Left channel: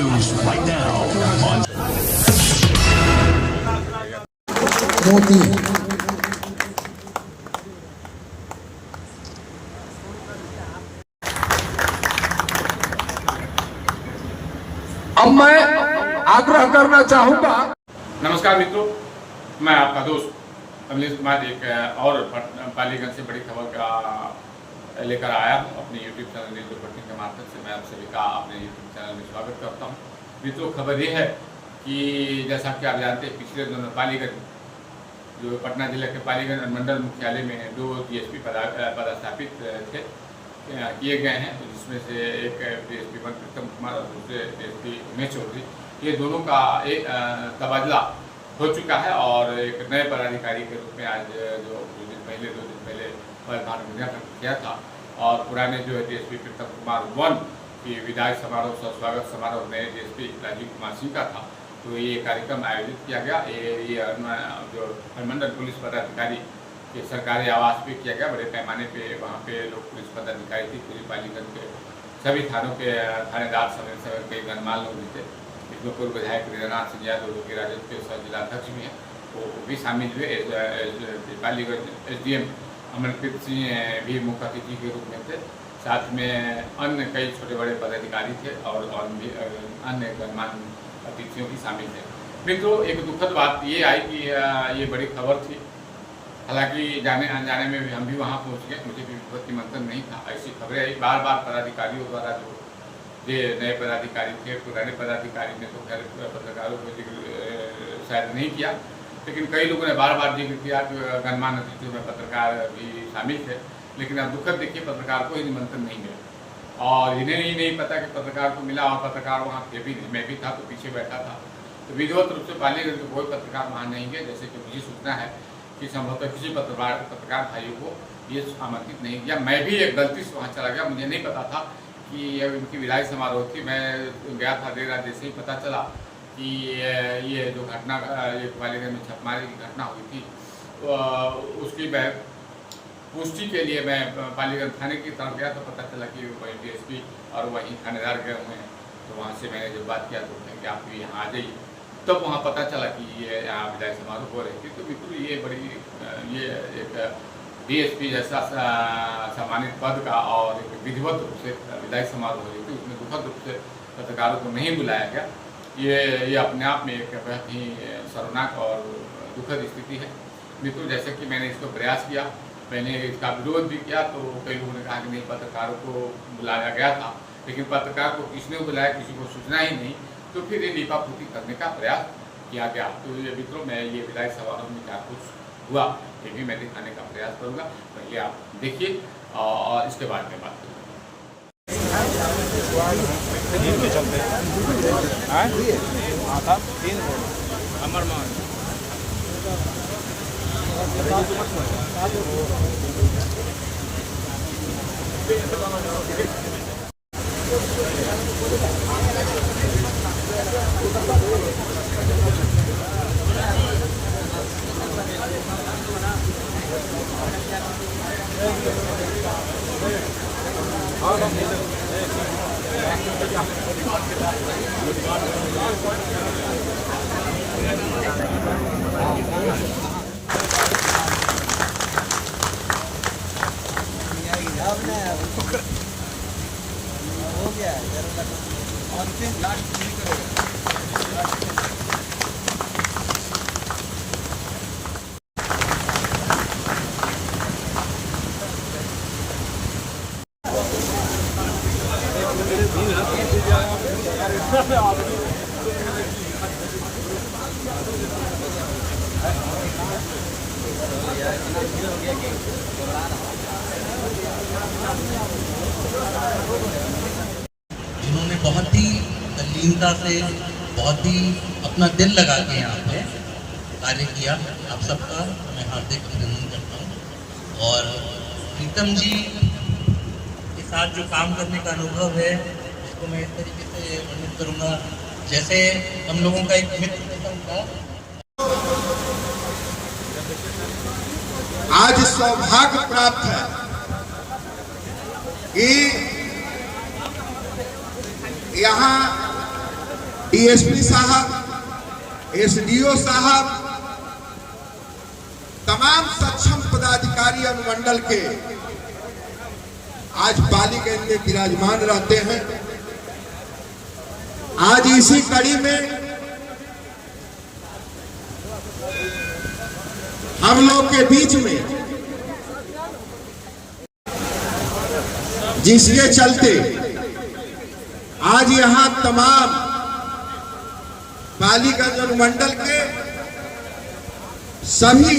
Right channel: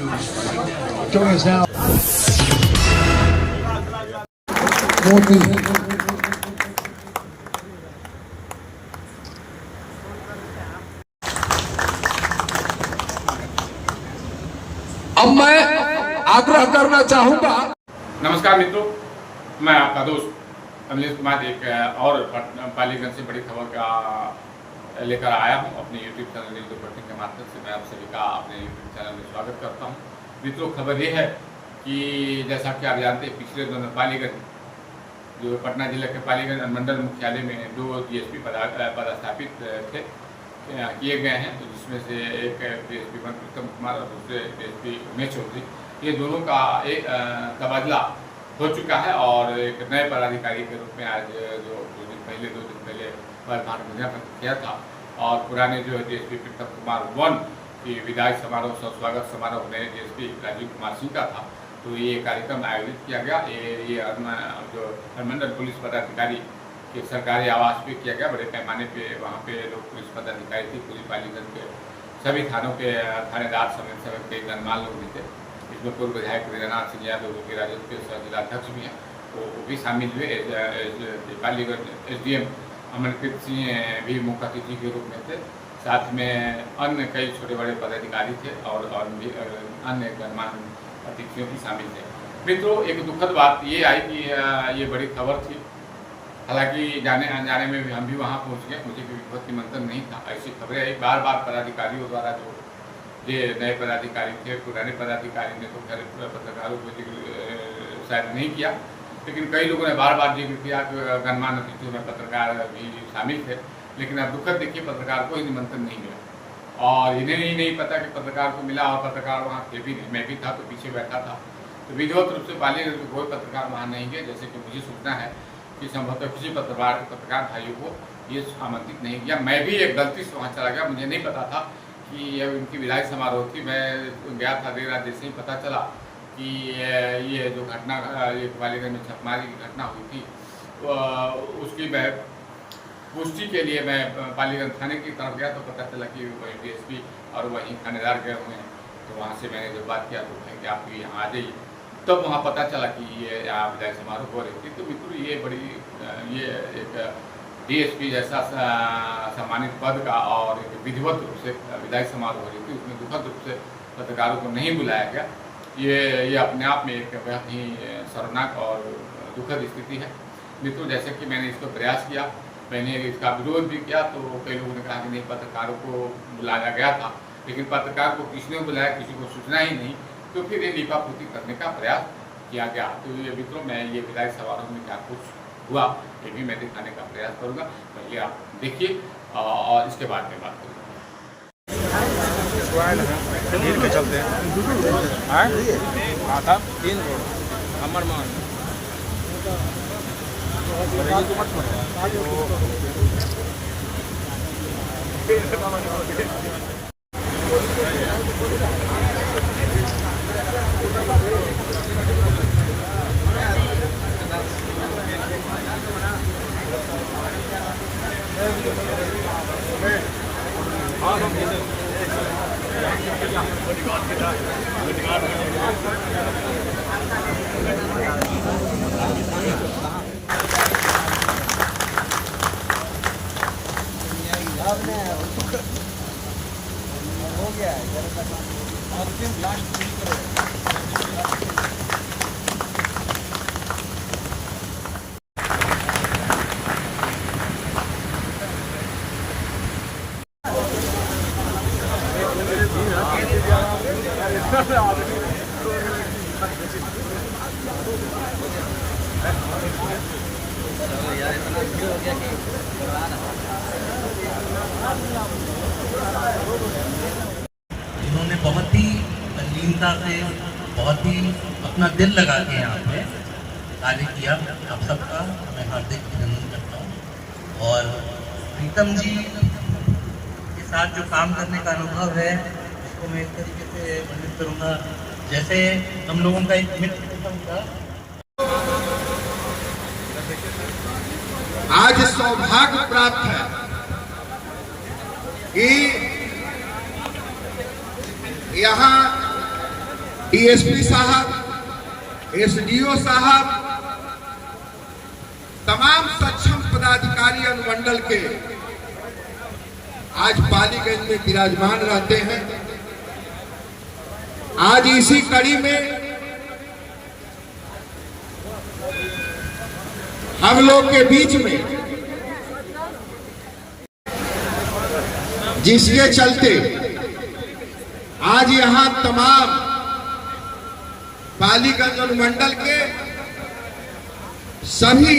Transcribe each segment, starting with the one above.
मोदी अब मैं आग्रह करना चाहूंगा। नमस्कार मित्रों, मैं आपका दोस्त अमलेश कुमार एक और पालीगंज से बड़ी खबर का लेकर आया हूं। अपने YouTube चैनल न्यूज़ रिपोर्टिंग के माध्यम से मैं आप सभी का अपने YouTube चैनल में स्वागत करता हूं। मित्रों, खबर ये है कि जैसा कि आप जानते हैं, पिछले दिनों पालीगंज जो पटना जिला के पालीगंज मंडल मुख्यालय में 2 DSP पदस्थापित थे किए गए हैं, जिसमें से एक DSP वन प्रीतम कुमार और दूसरे DSP उमेश चौधरी, ये दोनों का एक तबादला हो चुका है और एक नए पदाधिकारी के रूप में आज जो 2 दिन पहले पदभार ग्रहण किया था और पुराने जो DSP प्रीतम कुमार वन की विदाई समारोह स्वागत समारोह में DSP राजीव कुमार सिंह का था। तो ये कार्यक्रम आयोजित किया गया। ये जो अनुमंडल पुलिस पदाधिकारी के सरकारी आवास पे किया गया। बड़े पैमाने पे वहाँ पे लोग पुलिस पदाधिकारी थी, पूरी पालीगंज के सभी थानों के थानेदार समेत कई गणमान्य लोग भी थे। इसमें पूर्व विधायक रीनानाथ सिंह यादव जो कि राजद के जिलाध्यक्ष भी हैं, वो भी शामिल हुए। पालीगंज SDM अमनप्रीत सिंह भी मुख्य अतिथि के रूप में थे। साथ में अन्य कई छोटे बड़े पदाधिकारी थे और भी अन्य गणमान्य अतिथियों भी शामिल थे। मित्रों, एक दुखद बात ये आई कि ये बड़ी खबर थी। हालांकि जाने अनजाने में भी हम भी वहाँ पहुँच गए, मुझे भी विधिवत निमंत्रण नहीं था। ऐसी खबरें आई बार बार पदाधिकारियों द्वारा। जो ये नए पदाधिकारी थे, पुराने पदाधिकारी ने तो खैर पत्रकारों को जिक्र शायद नहीं किया, लेकिन कई लोगों ने बार बार जिक्र किया कि गणमान्य अतिथियों में पत्रकार भी शामिल थे। लेकिन अब दुखद देखिए, पत्रकार को ही निमंत्रण नहीं मिला और इन्हें ही नहीं पता कि पत्रकार को मिला और पत्रकार वहाँ थे भी नहीं। मैं भी था तो पीछे बैठा था। तो विधिवत रूप से पालीगंज के कोई पत्रकार वहाँ नहीं गए। जैसे कि मुझे सूचना है कि संभवतः किसी पत्रकार भाइयों को ये आमंत्रित नहीं किया। मैं भी एक गलती से वहाँ चला गया, मुझे नहीं पता था कि यह इनकी विदाई समारोह थी। मैं गया था देर रात, जैसे ही पता चला कि ये जो घटना ये पालीगंज में छापेमारी की घटना हुई थी, उसकी पुष्टि के लिए मैं पालीगंज थाने की तरफ गया तो पता चला कि वही DSP और वहीं थानेदार गए हुए हैं। तो वहाँ से मैंने जब बात किया तो कहें कि आप यहाँ आ जाइए, तब वहाँ पता चला कि ये यहाँ विदाई समारोह हो रही थी। तो बिल्कुल ये एक DSP जैसा सम्मानित पद का और एक विधिवत रूप से विदाई समारोह हो रही थी, उसमें दुखद रूप से पत्रकारों को नहीं बुलाया गया। ये अपने आप में एक बहुत ही शर्मनाक और दुखद स्थिति है। मित्रों, जैसे कि मैंने इसको प्रयास किया, मैंने इसका विरोध भी किया, तो कई लोगों ने कहा कि नहीं, पत्रकारों को बुलाया गया था, लेकिन पत्रकार को किसने बुलाया, किसी को सूचना ही नहीं। तो फिर ये लीपापूर्ति करने का प्रयास किया गया। तो ये मित्रों, मैं ये विदाई समारोह में क्या कुछ हुआ ये भी मैं दिखाने का प्रयास करूँगा। पहले आप देखिए और इसके बाद में बात करूँगा। चलते हो गया है जरा लास्ट जिन्होंने बहुत ही तल्लीनता से, बहुत ही अपना दिल लगा के यहाँ पे कार्य किया, आप सबका मैं हार्दिक अभिनंदन करता हूँ। और प्रीतम जी के साथ जो काम करने का अनुभव है, उसको मैं इस तरीके से उम्मीद करूँगा जैसे हम लोगों का एक मित्र प्रीतम था। आज सौभाग्य प्राप्त है कि यहाँ डीएसपी साहब, एसडीओ साहब, तमाम सक्षम पदाधिकारी अनुमंडल के आज पालीगंज में विराजमान रहते हैं। आज इसी कड़ी में हम लोग के बीच में, जिसके चलते आज यहां तमाम पालीगंज अनुमंडल के सभी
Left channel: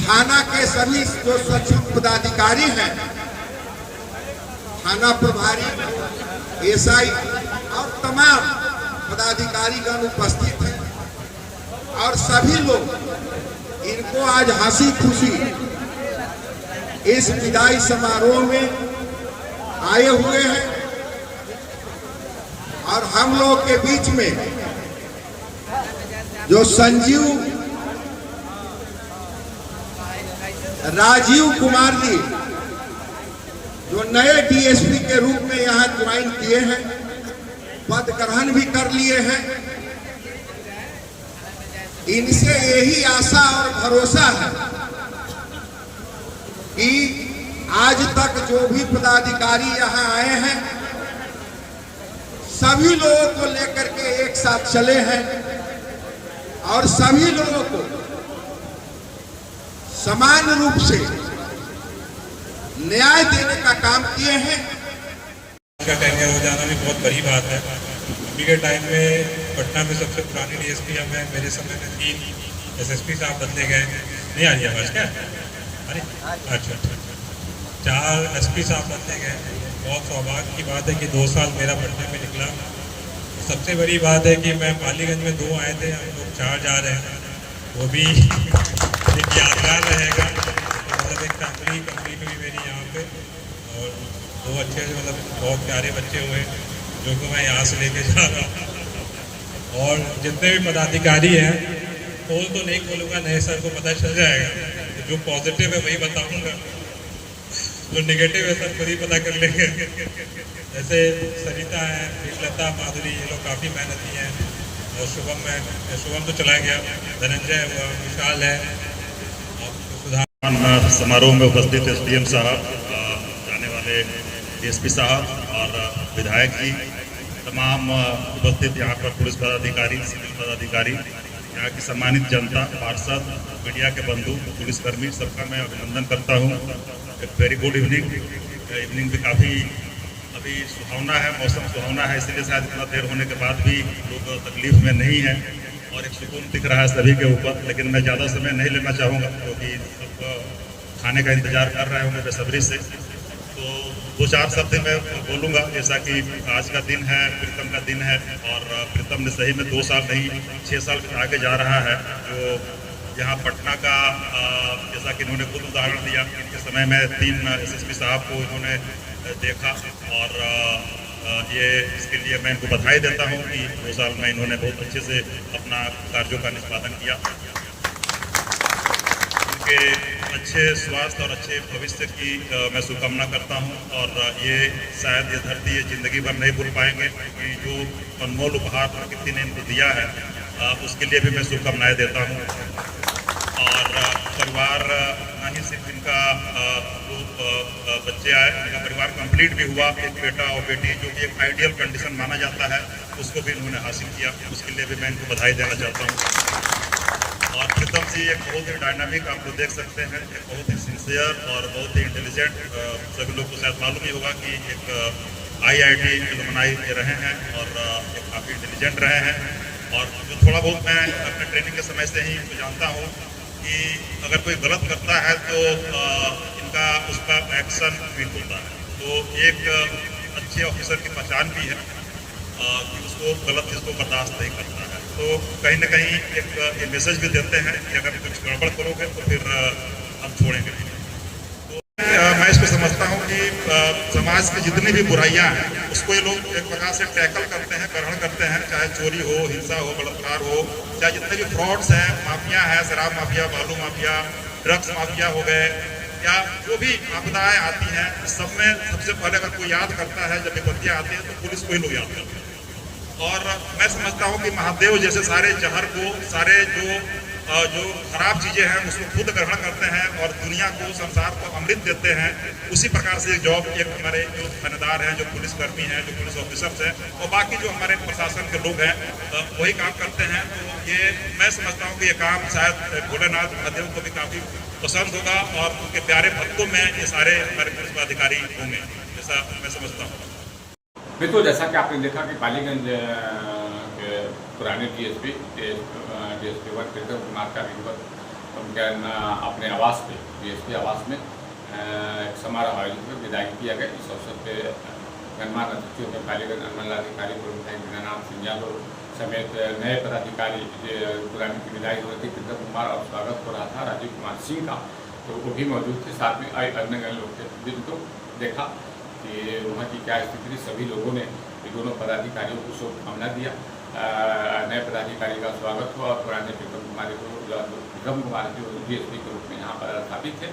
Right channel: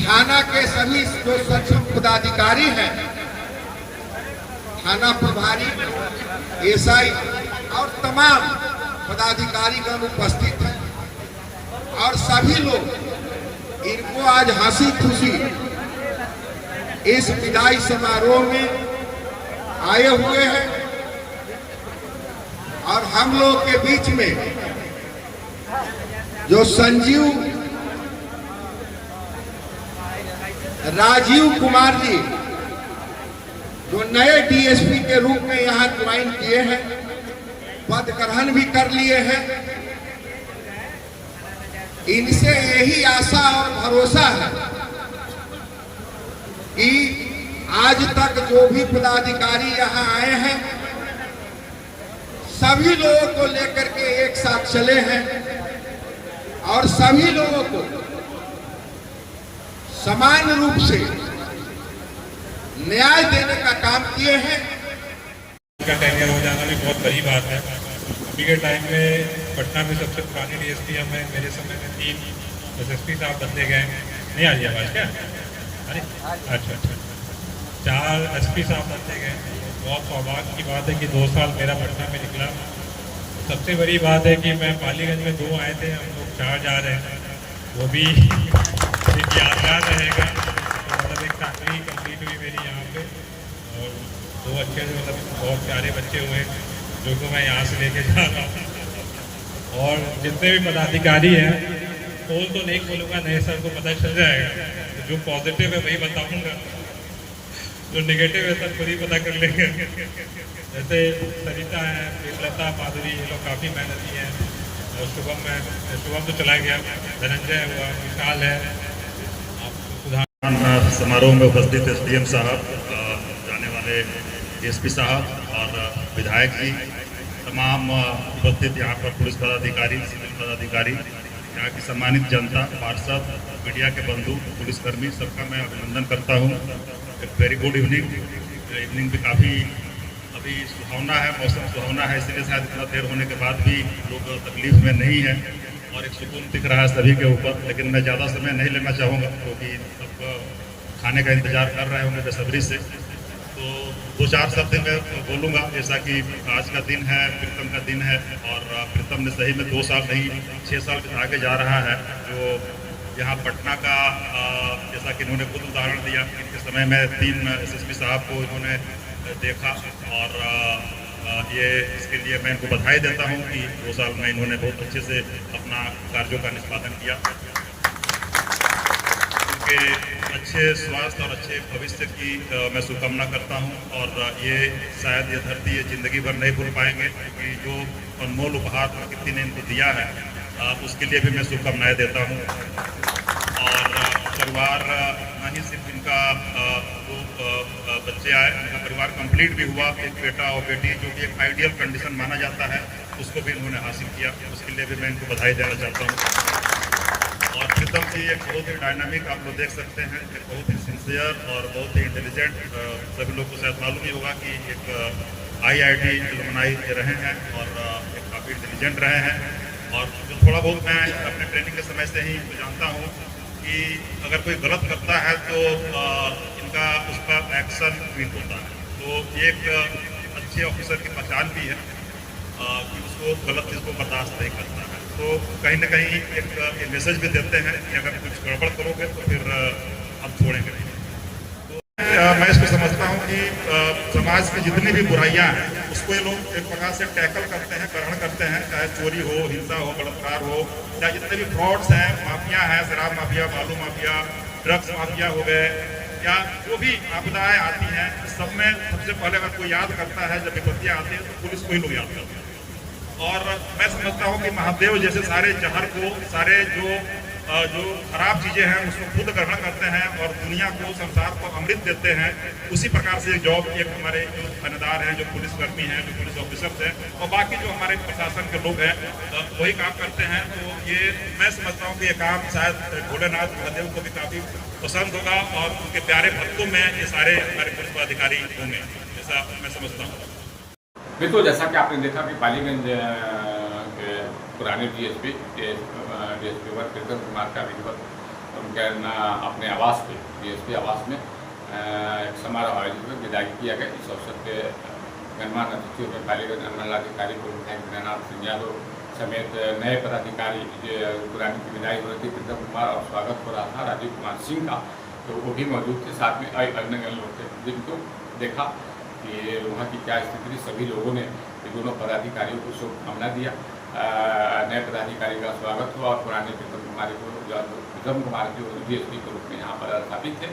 थाना के सभी जो सक्षम पदाधिकारी हैं, थाना प्रभारी, एसआई और तमाम पदाधिकारीगण उपस्थित हैं और सभी लोग इनको आज हंसी खुशी इस विदाई समारोह में आए हुए हैं। और हम लोग के बीच में जो राजीव कुमार जी जो नए डीएसपी के रूप में यहां ज्वाइन किए हैं, पद ग्रहण भी कर लिए हैं, इनसे यही आशा और भरोसा है कि आज तक जो भी पदाधिकारी यहां आए हैं सभी लोगों को लेकर के एक साथ चले हैं और सभी लोगों को समान रूप से न्याय देने का काम किए हैं। का टेन्योर हो जाना भी बहुत बड़ी बात है। अभी के टाइम में पटना में सबसे पुरानी डीएसपी हमें, मेरे समय में 3 एसएसपी साहब बदले गए। नहीं आ रही आवाज क्या? अरे अच्छा, 4 एसपी साहब बदले गए। बहुत सौभाग्य की बात है कि 2 साल मेरा पटना में निकला। सबसे बड़ी बात है कि मैं पालीगंज में 2 आए थे, हम लोग 4 जा रहे हैं, वो भी एक यादगार रहेगा। मतलब एक फैमिली कंप्लीट हुई मेरी यहाँ पे और 2 अच्छे से मतलब बहुत प्यारे बच्चे हुए जो कि मैं यहाँ से लेके जा रहा हूँ। और जितने भी पदाधिकारी हैं, बोल तो नहीं बोलूँगा, नए सर को पता चल जाएगा। जो पॉजिटिव है वही बताऊँगा, जो नेगेटिव है सब खुद ही पता कर लेंगे। जैसे सरिता है, प्रेमलता, माधुरी, ये लोग काफ़ी मेहनती हैं। शुभम तो चला गया, धनंजय हुआ, विशाल है। समारोह में उपस्थित एसडीएम साहब, जाने वाले डीएसपी साहब और विधायक जी, तमाम उपस्थित यहाँ पर पुलिस पदाधिकारी, सिविल पदाधिकारी, यहाँ की सम्मानित जनता, पार्षद, मीडिया के बंधु, पुलिसकर्मी, सबका मैं अभिनंदन करता हूँ। एक वेरी गुड इवनिंग। इवनिंग भी काफ़ी अभी सुहावना है, मौसम सुहावना है, इसलिए शायद इतना देर होने के बाद भी लोग तकलीफ में नहीं है और एक सुकून दिख रहा है सभी के ऊपर। लेकिन मैं ज़्यादा समय नहीं लेना चाहूँगा क्योंकि सब खाने का इंतजार कर रहे होंगे बेसब्री से। तो 2-4 शब्द मैं बोलूँगा, जैसा कि आज का दिन है, प्रीतम का दिन है और प्रीतम ने सही में 2 साल नहीं 6 साल आगे जा रहा है। जो यहाँ पटना का जैसा कि इन्होंने खुद उदाहरण दिया, इनके समय में 3 एसएसपी साहब को इन्होंने देखा और ये इसके लिए मैं इनको बधाई देता हूँ कि 2 साल में इन्होंने बहुत अच्छे से अपना कार्यों का निष्पादन किया। उनके अच्छे स्वास्थ्य और अच्छे भविष्य की मैं शुभकामना करता हूँ और ये शायद ये धरती ये जिंदगी भर नहीं भूल पाएंगे क्योंकि जो अनमोल उपहार प्रकृति ने इनको दिया है उसके लिए भी मैं शुभकामनाएं देता हूँ। और परिवार न ही सिर्फ इनका जो बच्चे आए, इनका परिवार कंप्लीट भी हुआ, एक बेटा और बेटी जो कि एक आइडियल कंडीशन माना जाता है उसको भी इन्होंने हासिल किया, उसके लिए भी मैं इनको बधाई देना चाहता हूँ। और प्रीतम जी एक बहुत ही डायनामिक, आप लोग देख सकते हैं, एक बहुत ही सिंसियर और बहुत ही इंटेलिजेंट, सभी लोग को शायद मालूम ही होगा कि एक IIT एलुमनाई रहे हैं और एक काफ़ी इंटेलिजेंट रहे हैं। और जो थोड़ा बहुत मैं अपने ट्रेनिंग के समय से ही जानता हूँ कि अगर कोई गलत करता है तो इनका उसका एक्शन क्विक होता है। तो एक अच्छे ऑफिसर की पहचान भी है कि उसको गलत चीज़ को बर्दाश्त नहीं करता है। तो कहीं ना कहीं एक मैसेज भी देते हैं कि अगर कुछ गड़बड़ करोगे तो फिर हम छोड़ेंगे नहीं। तो मैं इसको समझता हूँ कि समाज की जितनी भी बुराइयाँ हैं उसको ये लोग एक प्रकार से टैकल करते हैं, ग्रहण करते हैं, चाहे चोरी हो, हिंसा हो, बलात्कार हो, चाहे जितने भी फ्रॉड्स हैं, माफिया है, शराब माफिया, बालू माफिया, ड्रग्स माफिया हो गए, या जो भी आपदाएं आती हैं, सब में सबसे पहले अगर कोई याद करता है, जब विपत्तियां आती हैं तो पुलिस को ही लोग याद करते हैं। और मैं समझता हूँ कि महादेव जैसे सारे जहर को, सारे जो खराब चीजें हैं उसको खुद ग्रहण करते हैं और दुनिया को, संसार को अमृत देते हैं। उसी प्रकार से जॉब एक हमारे जो थानेदार हैं, जो पुलिसकर्मी हैं, जो पुलिस ऑफिसर्स हैं और बाकी जो हमारे प्रशासन के लोग हैं वही काम करते हैं। तो ये मैं समझता हूँ कि ये काम शायद भोलेनाथ महादेव को भी काफी पसंद होगा और उनके प्यारे भक्तों में ये सारे हमारे पुलिस अधिकारी होंगे, ऐसा मैं समझता हूँ। मित्रों, जैसा कि आपने देखा कि पालीगंज के पुराने डीएसपी 1 प्रीतम कुमार का विधिवत उनके अपने आवास पे, डीएसपी आवास में एक समारोह आयोजित हुआ, विदाई किया गया। इस अवसर पे गणमान्य अतिथियों में पालीगंज मंडलाधिकारी पूर्व विधायक दीनानाथ सिंह यादव समेत नए पदाधिकारी पुरानी की विदाई हो रही थी, प्रीतम कुमार, और स्वागत हो रहा था राजीव कुमार सिंह का, तो वो भी मौजूद थे। साथ में अन्य लोग थे, जिनको देखा कि वहाँ की क्या स्थिति थी। सभी लोगों ने दोनों पदाधिकारियों को शुभकामना दिया। नए पदाधिकारी का स्वागत हुआ और पुराने प्रीतम कुमार जो डीएसपी के रूप में यहाँ पर स्थापित थे,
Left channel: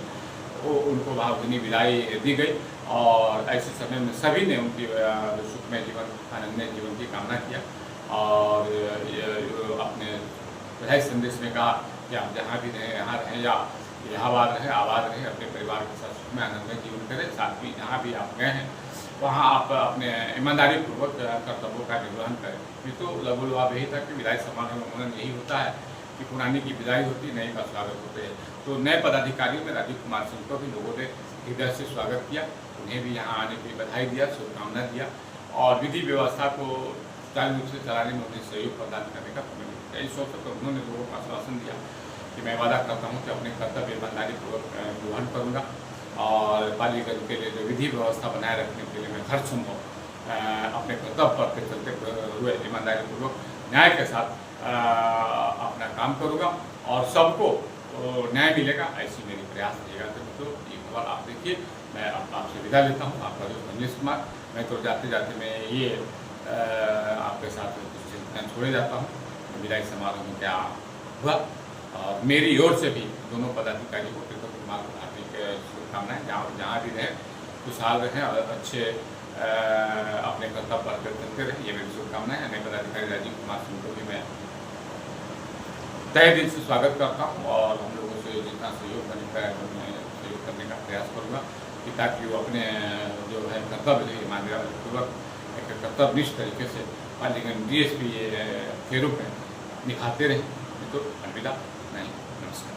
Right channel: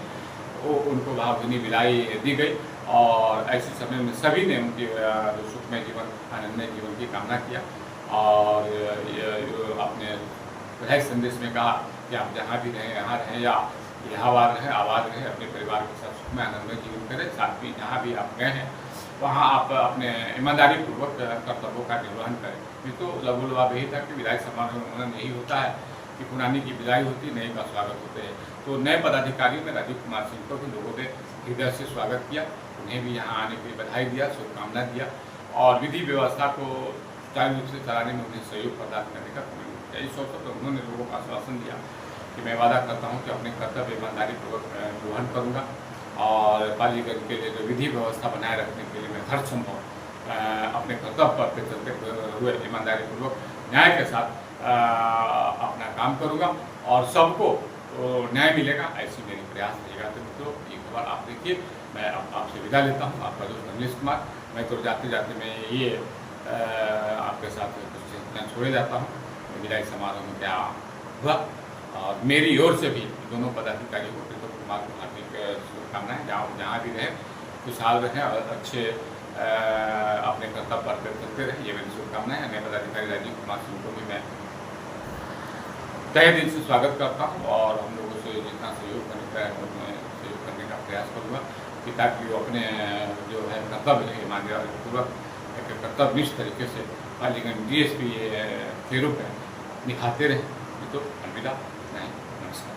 वो उनको भावभीनी विदाई दी गई। और ऐसे समय में सभी ने उनकी जो सुखमय जीवन, आनंदमय जीवन की कामना किया और अपने बधाई संदेश में कहा कि आप जहाँ भी रहें, यहाँ रहें या इलाहाबाद रहें, आबाद रहें, अपने परिवार के साथ सुखमय आनंदमय जीवन करें। साथ ही जहाँ भी आप गए हैं वहाँ आप अपने ईमानदारी पूर्वक कर्तव्यों का निर्वहन करें। ये तो लघु लाभ यही था कि विदाई समारोह में उन्होंने यही होता है कि पुरानी की विदाई होती, नई का स्वागत होते हैं। तो नए पदाधिकारियों में राजीव कुमार सिंह को भी लोगों ने हृदय से स्वागत किया, उन्हें भी यहाँ आने की बधाई दिया, शुभकामना दिया और विधि व्यवस्था को सुचारू रूप से चलाने में उन्हें सहयोग प्रदान करने का कमेंट किया। इस अवसर पर उन्होंने लोगों को आश्वासन दिया कि मैं वादा करता हूँ कि अपने कर्तव्य ईमानदारी पूर्वक निर्वहन करूँगा और पालीगंज के लिए जो विधि व्यवस्था बनाए रखने के लिए मैं हर संभव अपने कर्तव्य पर पे चलते हुए ईमानदारी पूर्वक न्याय के साथ अपना काम करूँगा और सबको न्याय मिलेगा, ऐसी मेरी प्रयास रहेगा। तो मित्रों, ये खबर आप देखिए। मैं आपसे विदा लेता हूँ, आपका दोस्त अमलेश कुमार। मैं तो जाते जाते मैं ये आपके साथ कुछ छोड़े जाता हूँ विदाई समारोह में क्या हुआ और मेरी ओर से भी दोनों पदाधिकारियों को, प्रीतम कुमार को हार्दिक शुभकामनाएं। जहाँ भी रहें खुशहाल रहें और अच्छे अपने कर्तव्य पर करते रहें, ये मेरी शुभकामनाएं हैं। नए पदाधिकारी राजीव कुमार सिंह को भी मैं तहे दिल से स्वागत करता हूँ और हम लोगों से जितना सहयोग बनता है मैं सहयोग करने का प्रयास करूँगा कि ताकि वो अपने जो है कर्तव्य है ईमानदारी पूर्वक एक कर्तव्यनिष्ठ तरीके से पालीगंज डीएसपी के रूप में निभाते रहें। तो अलविदा, नहीं, नमस्कार।